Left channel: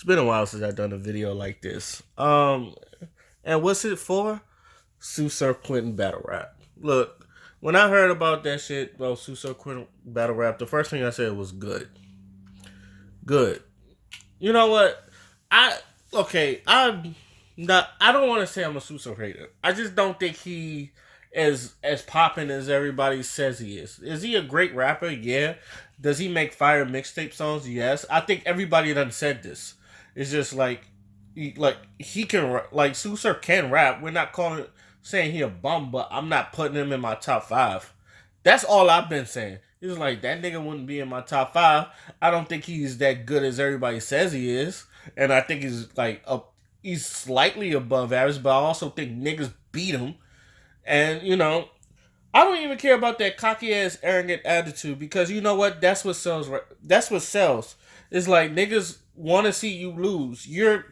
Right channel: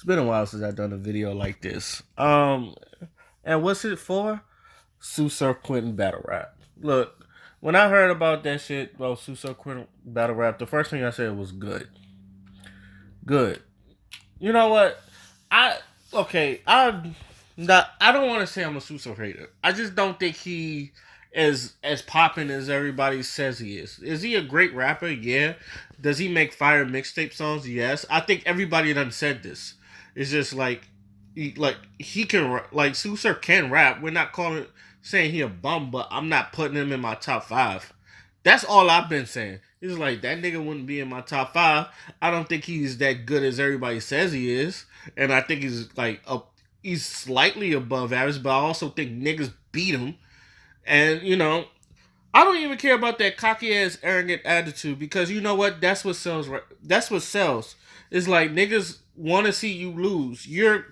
It's been a while since I've done a video like this. And what's it for? Surf Quitting battle rap. Look, when I heard about that shit about Surf Quitting battle rap, the first thing I said was good. Good. You know what? I okay. I don't want to say I'm a Surf hater. I just don't think he as popping as everybody says he is. Is he a great rapper? Yeah. Does he make fire mixtape songs? Yes. I think everybody done said this. It's just he can like Surf can rap. We're not calling saying he a bum, but I'm not putting him in my top five. That's all I've been saying. It's like that nigga wouldn't be in my top five. I don't think he's that good as everybody says he is, and I think he's he's slightly above average. But I also think niggas beat him, and I don't even care about that cocky ass arrogant attitude because you know what? That's what sells. Right? That's what sells. It's like niggas want to see you lose. You're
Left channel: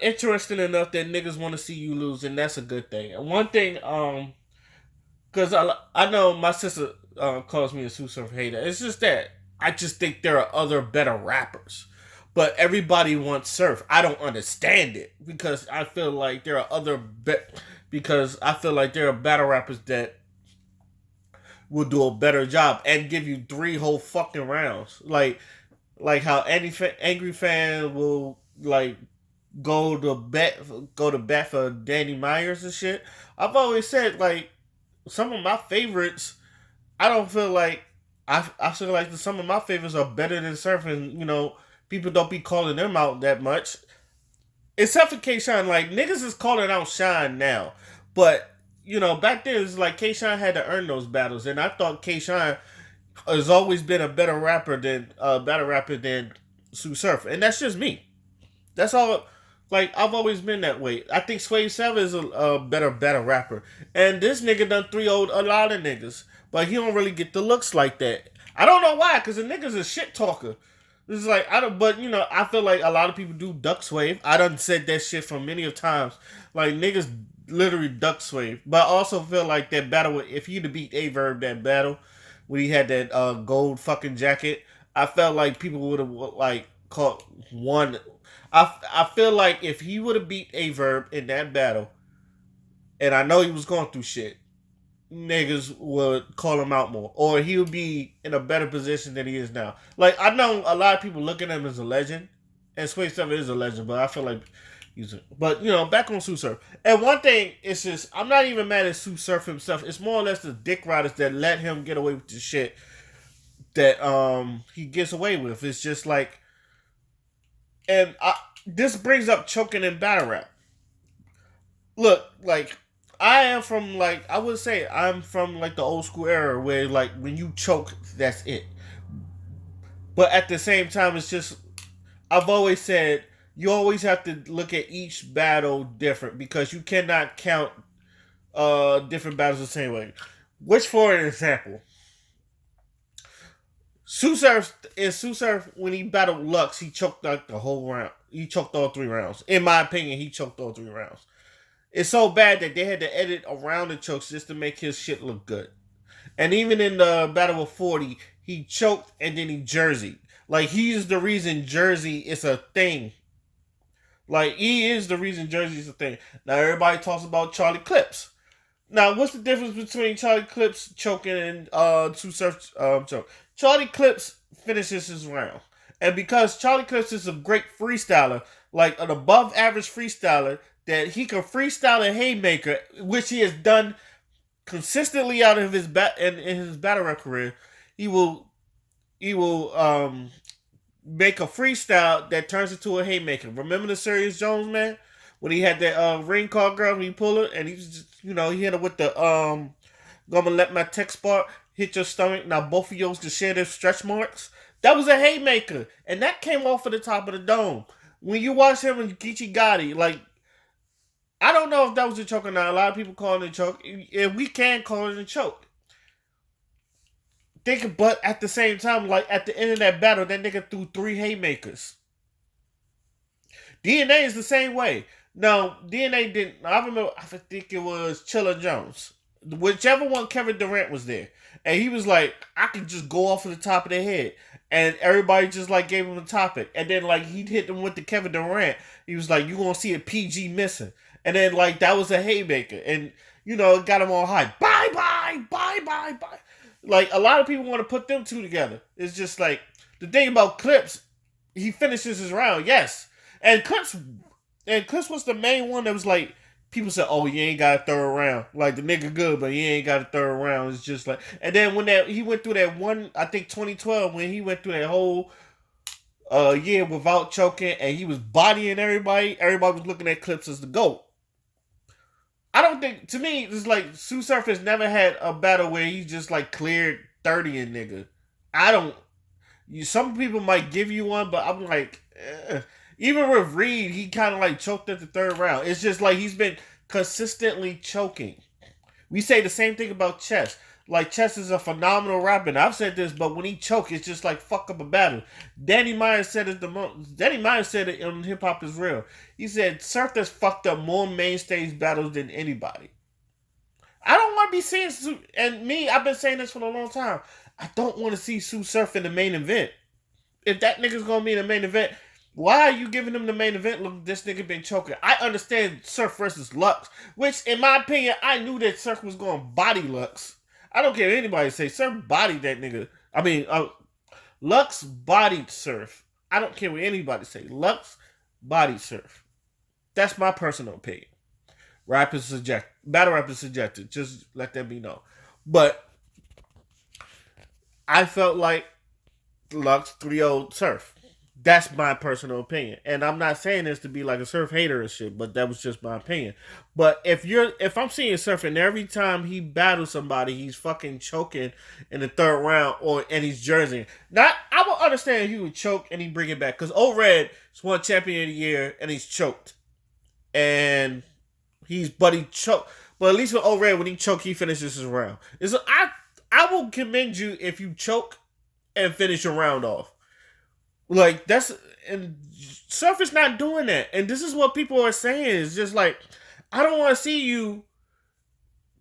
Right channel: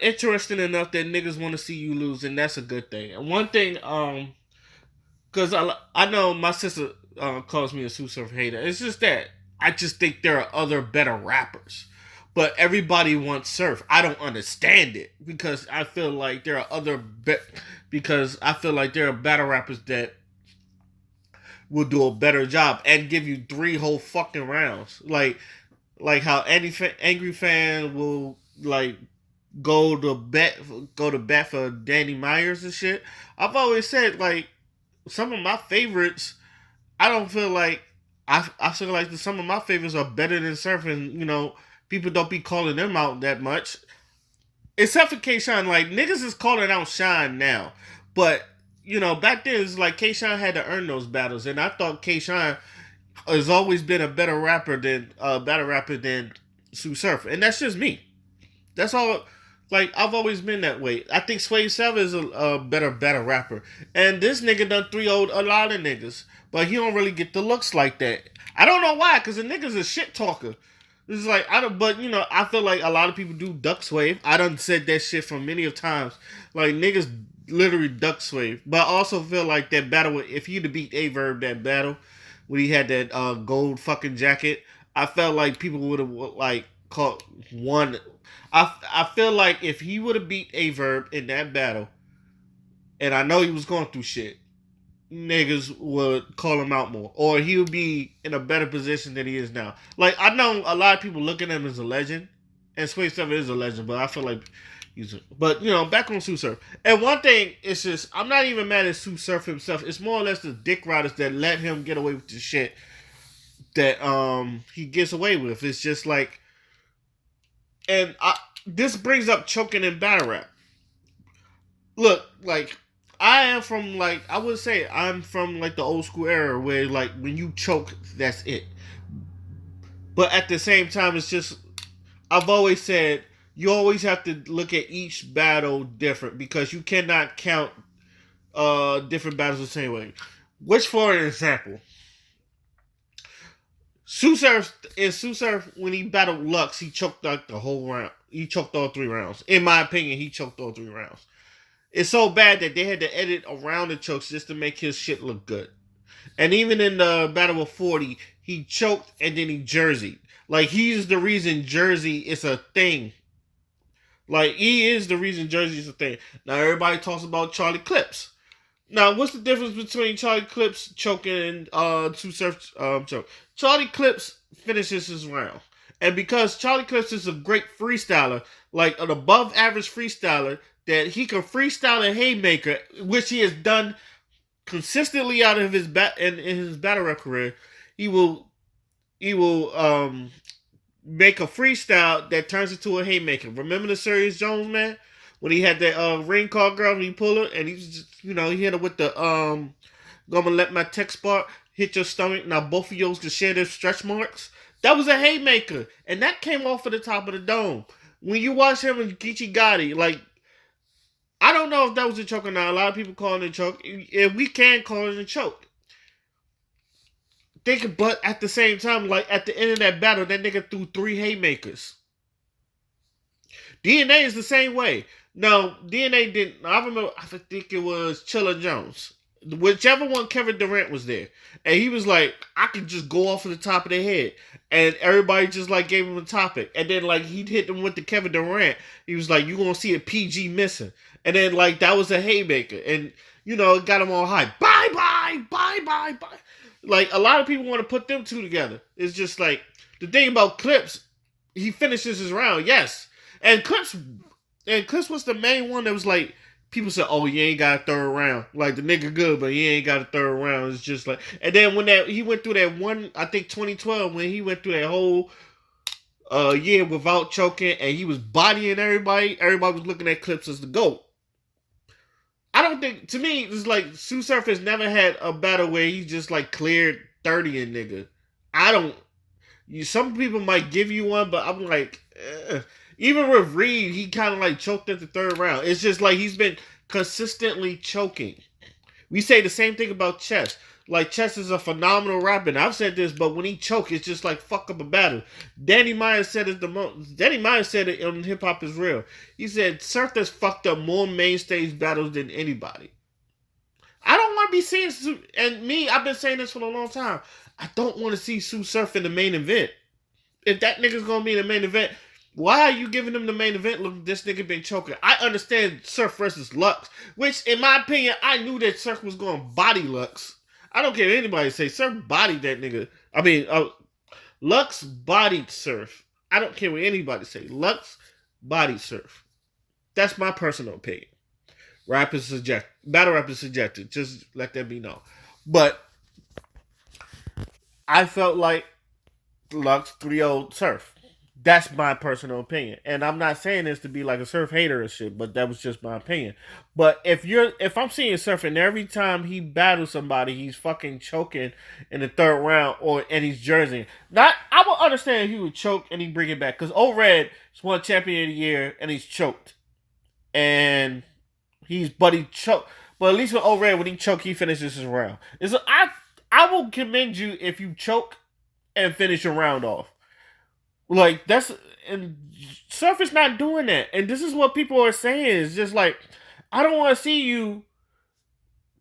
interesting enough that niggas want to see you lose, and that's a good thing. And one thing, because I know my sister calls me a Surf hater. It's just that I just think there are other better rappers, but everybody wants Surf. I don't understand it because I feel like there are because I feel like there are battle rappers that will do a better job and give you three whole fucking rounds. Like how any angry fan will like go to bat for Danny Myers and shit. I've always said like some of my favorites. I don't feel like I feel like some of my favorites are better than surfing. People don't be calling them out that much. Except for K Shine, like niggas is calling out Shine now, but back then it's like K Shine had to earn those battles, and I thought K Shine has always been a better rapper than battle rapper than Sue Surf, and that's just me. That's all. Like I've always been that way. I think Sway Seven is a better rapper, and this nigga done 3-0'd a lot of niggas, but he don't really get the looks like that. I don't know why, cause the nigga's a shit talker. It's like I don't, but I feel like a lot of people do duck swave. I done said that shit for many of times. Like niggas literally duck swave, but I also feel like that battle. If he'd have beat Averb that battle when he had that gold fucking jacket, I felt like people would have like caught one. I feel like if he would have beat Averb in that battle, and I know he was going through shit, niggas would call him out more, or he would be in a better position than he is now. Like I know a lot of people look at him as a legend, and Sway Seven is a legend, but I feel like but back on Sue Surf. And one thing, it's just I'm not even mad at Sue Surf himself. It's more or less the dick riders that let him get away with the shit that he gets away with. It's just like, and this brings up choking in battle rap. Look, like I am from like I would say I'm from like the old school era where like when you choke, that's it. But at the same time, it's just I've always said you always have to look at each battle different because you cannot count different battles the same way. Which, for an example, Sue Surf when he battled Lux, he choked like the whole round. He choked all 3 rounds. In my opinion, he choked all 3 rounds. It's so bad that they had to edit around the chokes just to make his shit look good. And even in the Battle of 40, he choked and then he jerseyed. Like he's the reason Jersey is a thing. Like he is the reason Jersey is a thing. Now everybody talks about Charlie Clips. Now what's the difference between Charlie Clips choking and Sue Surf choke? Charlie Clips finishes his round. And because Charlie Clips is a great freestyler, like an above average freestyler, that he can freestyle a haymaker, which he has done consistently out of his in his battle rap career. He will make a freestyle that turns into a haymaker. Remember the Serious Jones man when he had that ring call girl and he pulled her and he just he hit her with the gonna let my text bar hit your stomach. Now both of yours can share their stretch marks. That was a haymaker, and that came off of the top of the dome. When you watch him and Geechee Gotti, like I don't know if that was a choke or not. A lot of people call it a choke. If we can call it a choke. But at the same time, like at the end of that battle, that nigga threw 3 haymakers. DNA is the same way. No, DNA didn't. I remember. I think it was Chilla Jones. whichever one Kevin Durant was there, and he was like, I could just go off of the top of their head, and everybody just like gave him a topic, and then like he'd hit them with the Kevin Durant. He was like, you gonna see a PG missing, and then like that was a haymaker, and it got him all high. Bye bye bye bye bye. Like a lot of people want to put them two together. It's just like the thing about Clips, he finishes his round, yes, and Clips was the main one that was like, people said, "Oh, you ain't got a third round. Like the nigga good, but he ain't got a third round." It's just like, and then when he went through that one, I think 2012, when he went through that whole year without choking, and he was bodying everybody. Everybody was looking at Clips as the GOAT. I don't think, to me, it's like Sue Surf has never had a battle where he just like cleared 30 and nigga. I don't. Some people might give you one, but I'm like, even with Reed, he kind of like choked at the third round. It's just like he's been consistently choking. We say the same thing about Chess. Like Chess is a phenomenal rapper. And I've said this, but when he choke, it's just like fuck up a battle. Danny Myers said it the most. Danny Myers said it on Hip Hop Is Real. He said Surf has fucked up more main stage battles than anybody. I don't want to be seeing Sue, and me, I've been saying this for a long time. I don't want to see Sue Surf in the main event. If that nigga's gonna be in the main event, why are you giving him the main event? Look, this nigga been choking. I understand Surf versus Lux, which in my opinion, I knew that Surf was going to body Lux. I don't care what anybody say. Surf bodied that nigga. I mean, Lux bodied Surf. I don't care what anybody say. Lux bodied Surf. That's my personal opinion. Rap is subjective. Battle rap is subjective. Just let that be known. But I felt like Lux 3-0 Surf. That's my personal opinion. And I'm not saying this to be like a Surf hater or shit, but that was just my opinion. But if I'm seeing Surf and every time he battles somebody, he's fucking choking in the third round and he's jerseying. Not I would understand if he would choke and he bring it back. Because Old Red is one champion of the year and he's choked. And he choked. But at least with Old Red, when he choke, he finishes his round. I will commend you if you choke and finish your round off. Like and Surf is not doing that. And this is what people are saying. It's just like, I don't want to see you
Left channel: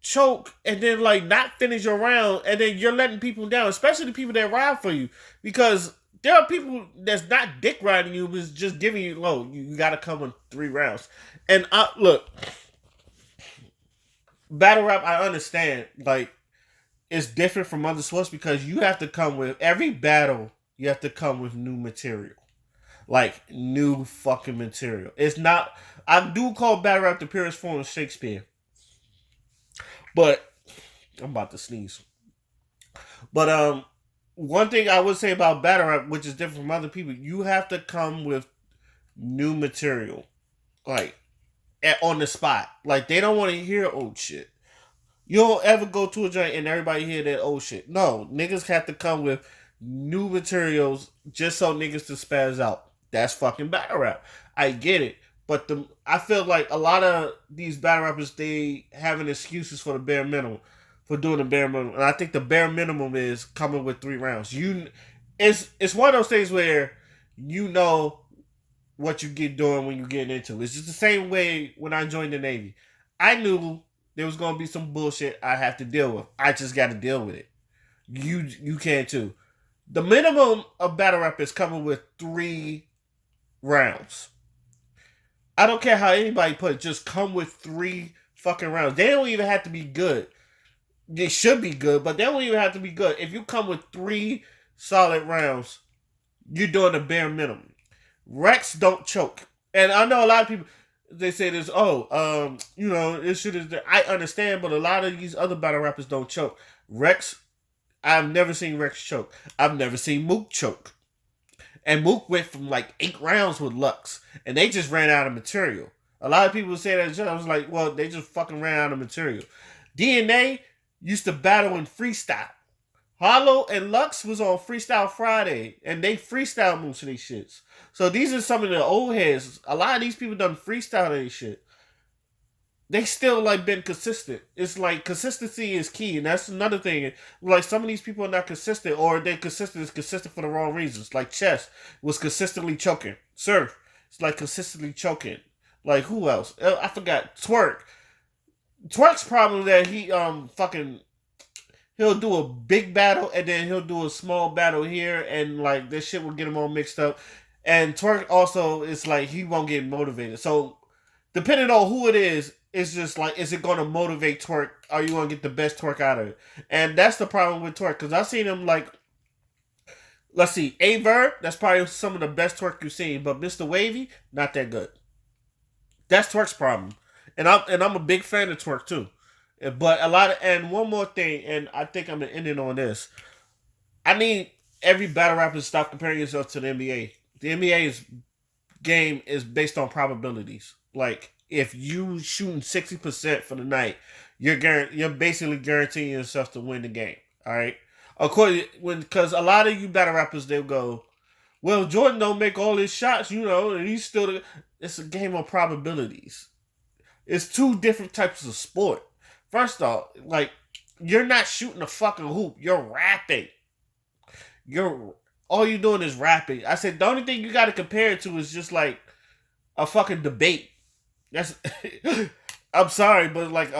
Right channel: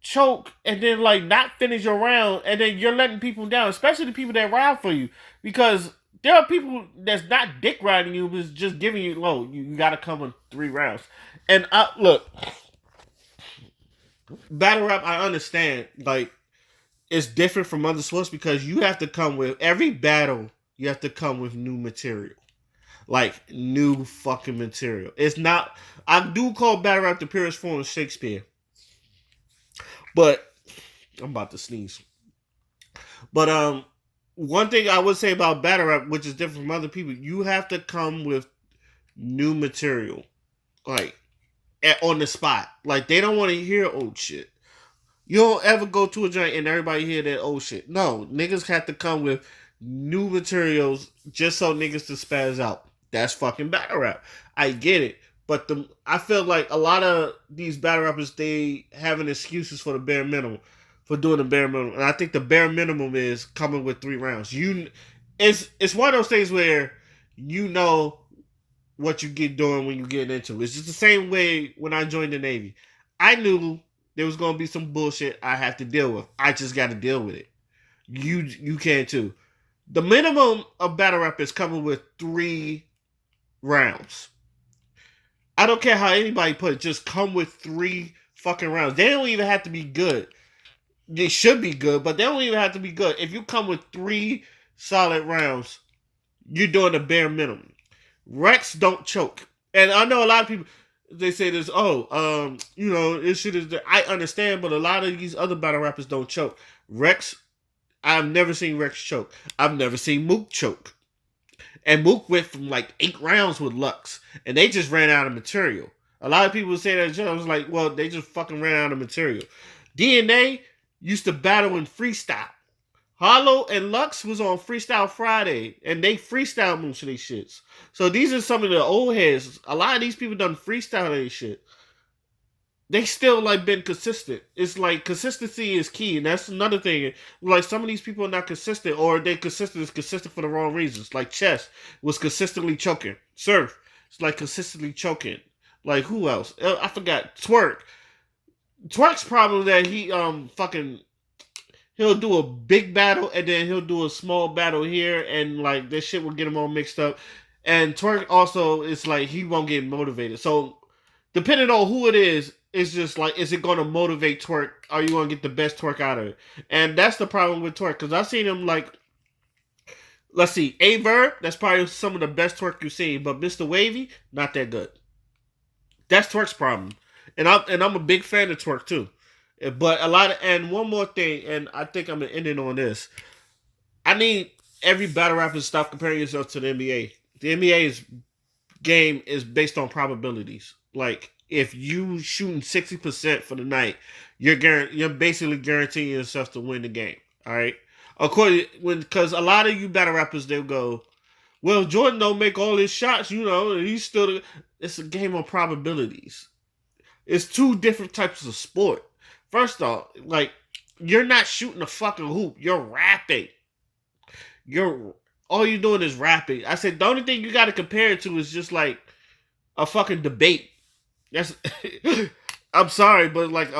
choke and then like not finish your round and then you're letting people down, especially the people that ride for you. Because there are people that's not dick riding you, but just giving you low. You gotta come in 3 rounds. And look, battle rap, I understand. Like, it's different from other sports because you have to come with every battle. You have to come with new material. Like, new fucking material. It's not... I do call battle rap the purest form of Shakespeare. But... I'm about to sneeze. But, one thing I would say about battle rap, which is different from other people, you have to come with new material. Like, on the spot. Like, they don't want to hear old shit. You don't ever go to a joint and everybody hear that old shit. No, niggas have to come with new materials just so niggas to spaz out. That's fucking battle rap. I get it. But I feel like a lot of these battle rappers, they having excuses for the bare minimum. For doing the bare minimum. And I think the bare minimum is coming with 3 rounds. It's one of those things where you know what you get doing when you get into it. It's just the same way when I joined the Navy. I knew there was going to be some bullshit I have to deal with. I just got to deal with it. You can too. The minimum of battle rap is coming with 3 rounds. I don't care how anybody put it. Just come with 3 fucking rounds. They don't even have to be good. They should be good, but they don't even have to be good. If you come with 3 solid rounds, you're doing the bare minimum. Rex don't choke. And I know a lot of people, they say this, this shit is... I understand, but a lot of these other battle rappers don't choke. Rex... I've never seen Rex choke. I've never seen Mook choke. And Mook went from like 8 rounds with Lux. And they just ran out of material. A lot of people say that. I was like, well, they just fucking ran out of material. DNA used to battle in freestyle. Hollow and Lux was on Freestyle Friday. And they freestyle most of these shits. So these are some of the old heads. A lot of these people done freestyle their shit. They still like been consistent. It's like consistency is key, and that's another thing. Like some of these people are not consistent, or they consistent for the wrong reasons. Like Chess was consistently choking. Surf is like consistently choking. Like who else? I forgot. Twerk. Twerk's problem that he fucking he'll do a big battle and then he'll do a small battle here and like this shit will get him all mixed up. And Twerk also is like he won't get motivated. So depending on who it is, it's just like is it gonna motivate Twerk? Are you gonna get the best Twerk out of it? And that's the problem with Twerk because I've seen him like let's see, A Verb, that's probably some of the best Twerk you've seen, but Mr. Wavy, not that good. That's Twerk's problem. And I'm a big fan of Twerk too. But a lot of and one more thing, and I think I'm gonna end it on this. I need every battle rapper to stop comparing yourself to the NBA. The NBA's game is based on probabilities. Like if you shooting 60% for the night, you're basically guaranteeing yourself to win the game. All right. According when because a lot of you battle rappers they'll go, well Jordan don't make all his shots, and he's still. It's a game of probabilities. It's two different types of sport. First off, like you're not shooting a fucking hoop. You're rapping. You're all you're doing is rapping. I said the only thing you got to compare it to is just like a fucking debate. That's. I'm sorry, but like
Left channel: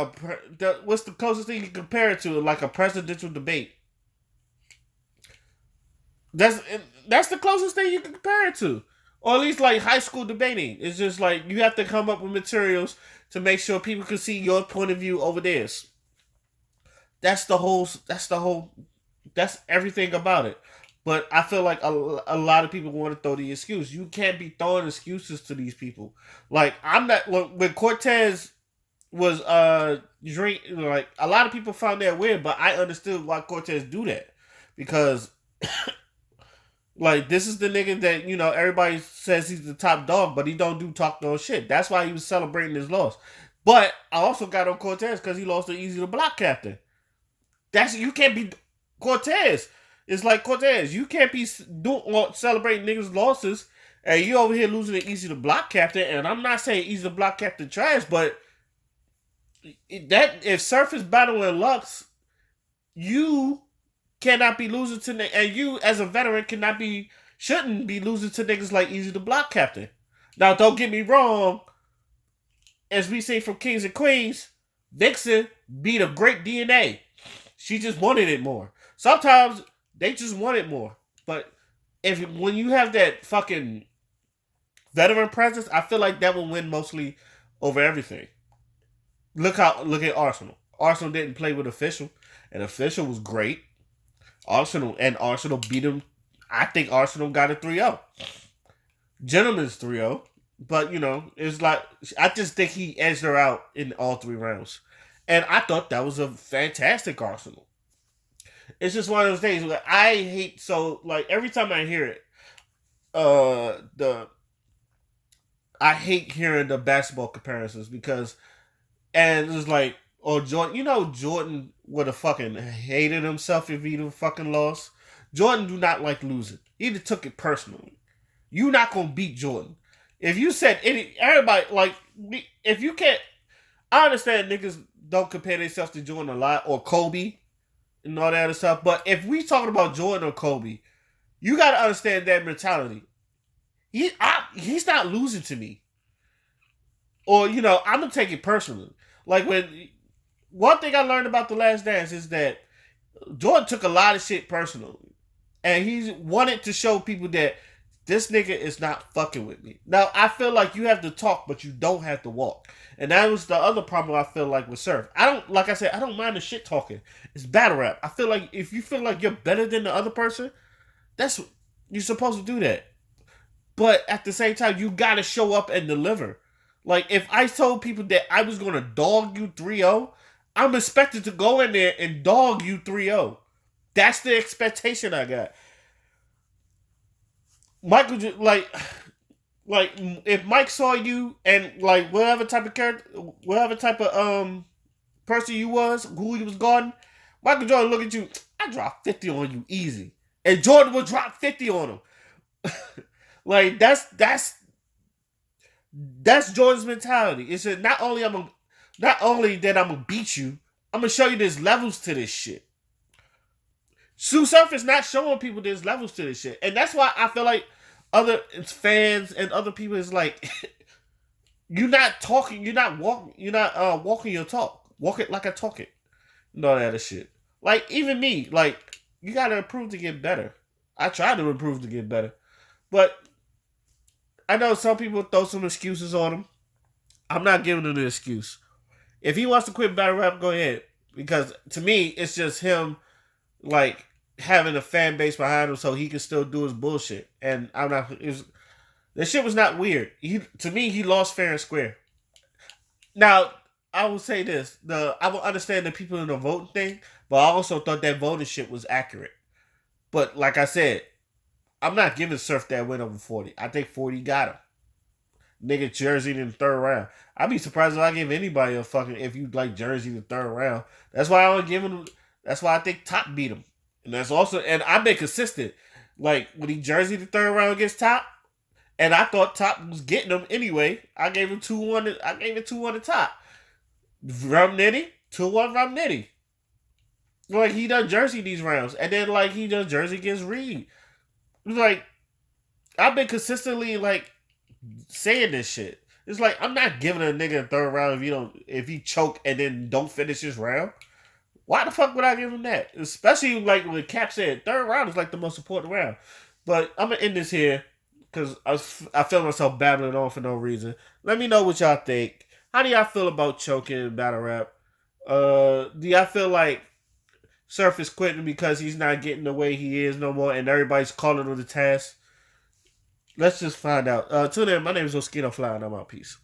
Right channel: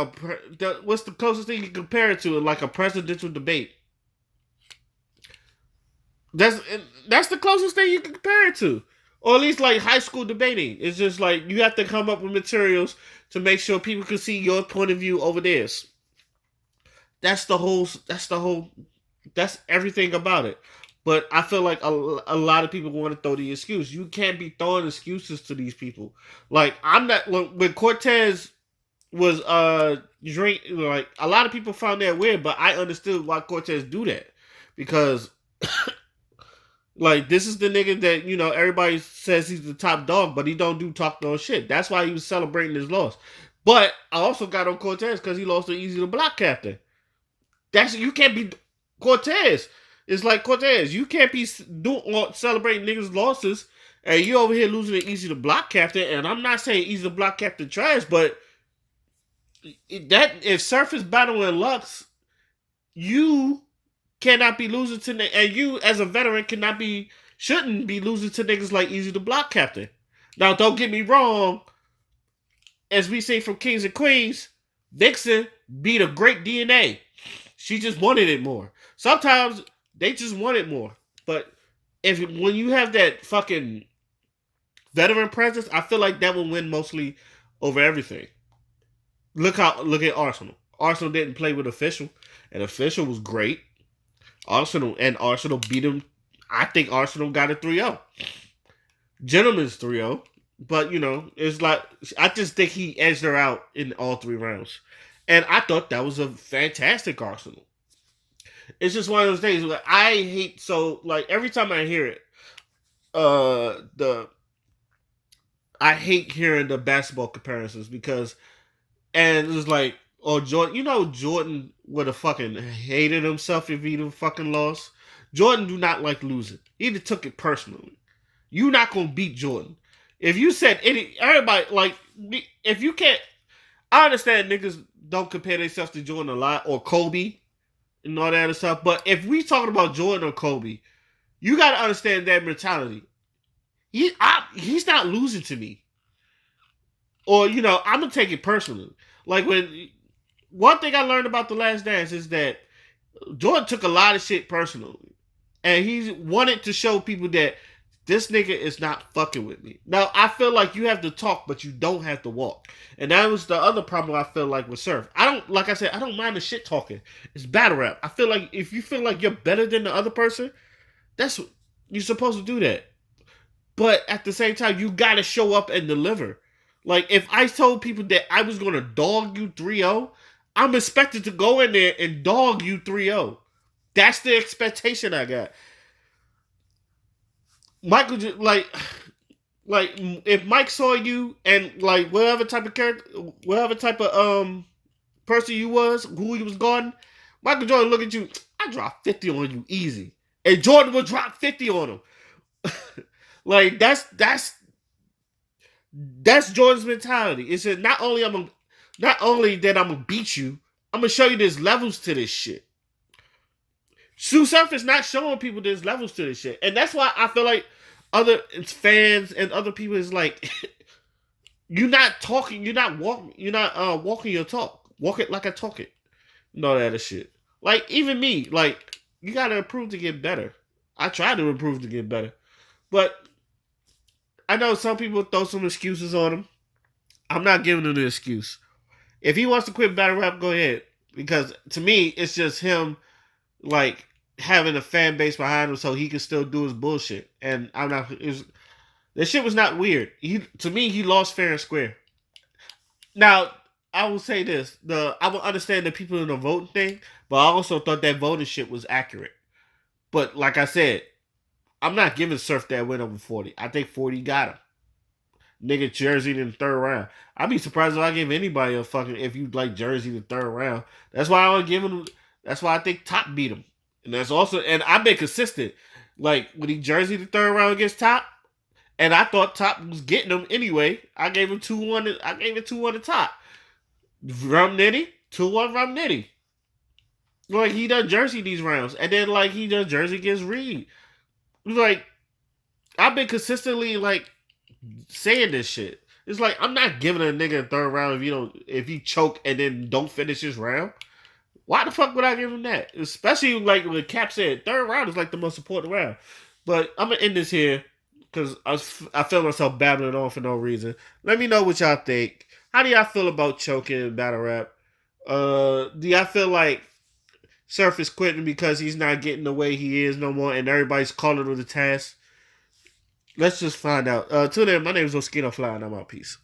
what's the closest thing you can compare it to? Like a presidential debate. That's that's the closest thing you can compare it to, or at least like high school debating. It's just like you have to come up with materials to make sure people can see your point of view over theirs. That's the whole. That's the whole. That's everything about it. But I feel like a lot of people want to throw the excuse. You can't be throwing excuses to these people. Like I'm not when Cortez was drink like a lot of people found that weird, but I understood why Cortez do that because like this is the nigga that everybody says he's the top dog, but he don't do talk no shit. That's why he was celebrating his loss. But I also got on Cortez because he lost the easy to block captain. That's you can't be Cortez. It's like Cortez. You can't be celebrating niggas' losses, and you over here losing the easy to block captain. And I'm not saying easy to block captain trash, but that if Surf is battling Lux, you cannot be losing to and you as a veteran shouldn't be losing to niggas like Easy to Block Captain. Now don't get me wrong, as we say from Kings and Queens, Vixen beat a great DNA. She just wanted it more. Sometimes they just want it more. But when you have that fucking veteran presence, I feel like that will win mostly over everything. Look at Arsenal. Arsenal didn't play with Official, and Official was great. Arsenal beat him. I think Arsenal got a 3-0. Gentleman's 3-0. But, it's like, I just think he edged her out in all three rounds. And I thought that was a fantastic Arsenal. It's just one of those things where I hate, so, like, every time I hear it, I hate hearing the basketball comparisons because, and it's like, or Jordan, Jordan would have fucking hated himself if he'd have fucking lost. Jordan do not like losing. He just took it personally. You not gonna beat Jordan. If you said everybody like if you can't, I understand niggas don't compare themselves to Jordan a lot or Kobe and all that other stuff. But if we talking about Jordan or Kobe, you gotta understand that mentality. He's not losing to me, or I'm gonna take it personally. Like when one thing I learned about The Last Dance is that Jordan took a lot of shit personally. And he wanted to show people that this nigga is not fucking with me. Now, I feel like you have to talk, but you don't have to walk. And that was the other problem I feel like with Surf. Like I said, I don't mind the shit talking. It's battle rap. I feel like if you feel like you're better than the other person, you're supposed to do that. But at the same time, you gotta show up and deliver. Like, if I told people that I was gonna dog you 3-0, I'm expected to go in there and dog you 3-0. That's the expectation I got. Michael, like if Mike saw you and like whatever type of character, whatever type of person you was, who you was guarding, Michael Jordan look at you. I drop 50 on you easy, and Jordan would drop 50 on him. Like that's Jordan's mentality. It said not only that I'm gonna beat you, I'm gonna show you there's levels to this shit. Sue Surf is not showing people there's levels to this shit. And that's why I feel like other fans and other people is like you're not talking, you're not walking your talk. walk it like I talk it, and all that other shit. Like even me, like you gotta improve to get better. I try to improve to get better, but I know some people throw some excuses on him. I'm not giving him the excuse. If he wants to quit battle rap, go ahead. Because to me, it's just him like having a fan base behind him so he can still do his bullshit. And I'm not. This shit was not weird. To me, he lost fair and square. Now, I will say this: I will understand the people in the voting thing, but I also thought that voting shit was accurate. But like I said, I'm not giving Surf that win over 40. I think 40 got him. Nigga Jersey in the third round. I'd be surprised if I give anybody a fucking if you like Jersey in the third round. That's why I don't give him. That's why I think Top beat him, and that's also and I've been consistent. Like when he Jersey the third round against Top, and I thought Top was getting him anyway. I gave him 2-1. I gave it 2-1 to Top. Rum Nitty 2-1 Rum Nitty. Like he done Jersey these rounds, and then like he done Jersey against Reed. Like I've been consistently like saying this shit. It's like I'm not giving a nigga a third round if he choke and then don't finish his round. Why the fuck would I give him that? Especially like when Cap said third round is like the most important round. But I'm gonna end this here because I feel myself babbling on for no reason. Let me know what y'all think. How do y'all feel about choking in battle rap? Do y'all feel like Surf is quitting because he's not getting the way he is no more and everybody's calling him the task? Let's just find out. Till then, my name is Oskino Fly and I'm out. Peace.